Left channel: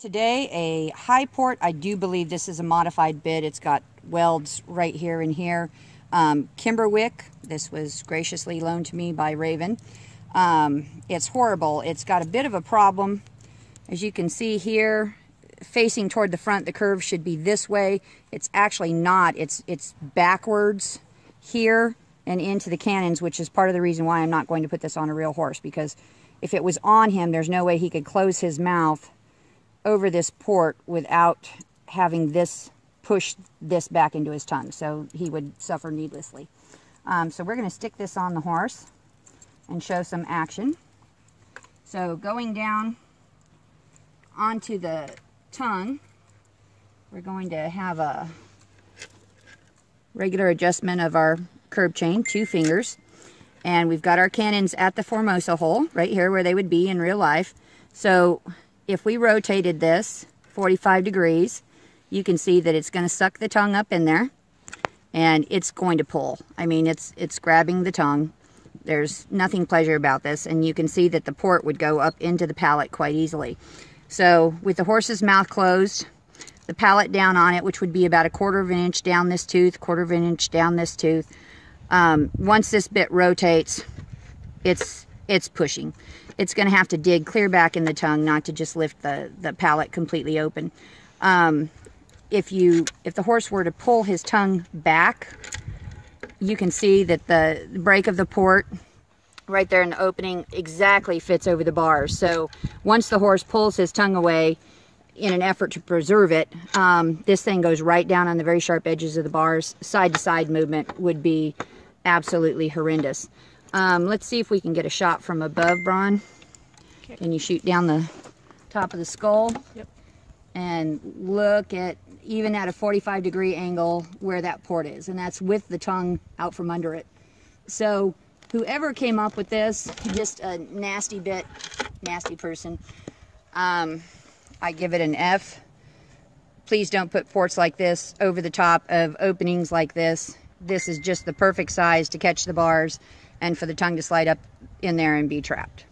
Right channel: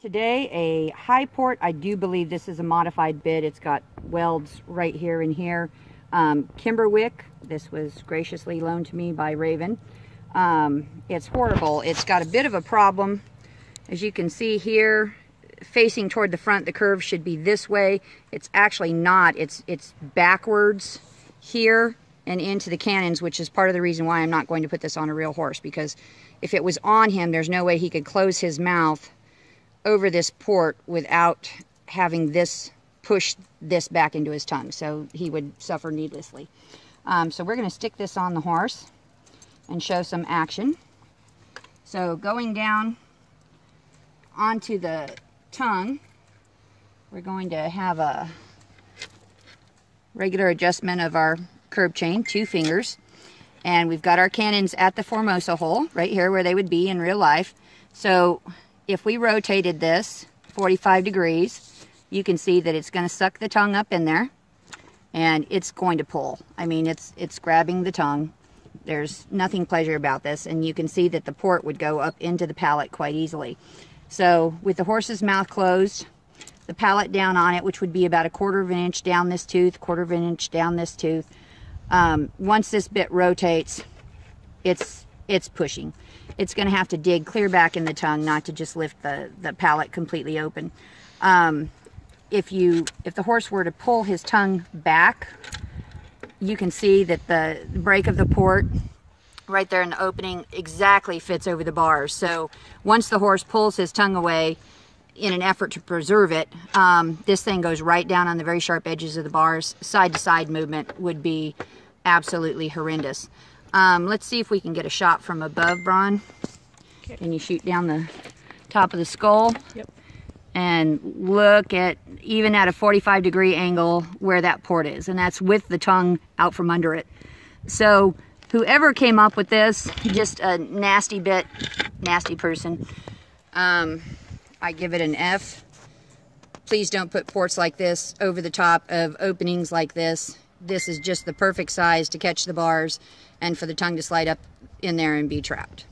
Today, a high port. I do believe this is a modified bit. It's got welds right here and here. Kimberwicke. This was graciously loaned to me by Raven. It's horrible. It's got a bit of a problem. As you can see here, facing toward the front, the curve should be this way. It's actually not. It's backwards here and into the cannons, which is part of the reason why I'm not going to put this on a real horse, because if it was on him, there's no way he could close his mouth over this port without having this push this back into his tongue, so he would suffer needlessly. So we're going to stick this on the horse and show some action. So going down onto the tongue, we're going to have a regular adjustment of our curb chain, 2 fingers, and we've got our cannons at the Formosa hole right here where they would be in real life. So if we rotated this 45 degrees, you can see that it's going to suck the tongue up in there, and it's going to pull. I mean, it's grabbing the tongue. There's nothing pleasure about this, and you can see that the port would go up into the palate quite easily. So with the horse's mouth closed, the palate down on it, which would be about 1/4 of an inch down this tooth, 1/4 of an inch down this tooth. Once this bit rotates, it's pushing. It's going to have to dig clear back in the tongue, not to just lift the palate completely open. If the horse were to pull his tongue back, you can see that the break of the port right there in the opening exactly fits over the bars. So once the horse pulls his tongue away in an effort to preserve it, this thing goes right down on the very sharp edges of the bars. Side-to-side movement would be absolutely horrendous. Let's see if we can get a shot from above, Bron. Okay. Can you shoot down the top of the skull? Yep. And look at, even at a 45-degree angle, where that port is. And that's with the tongue out from under it. So whoever came up with this, just a nasty person. I give it an F. Please don't put ports like this over the top of openings like this. This is just the perfect size to catch the bars and for the tongue to slide up in there and be trapped.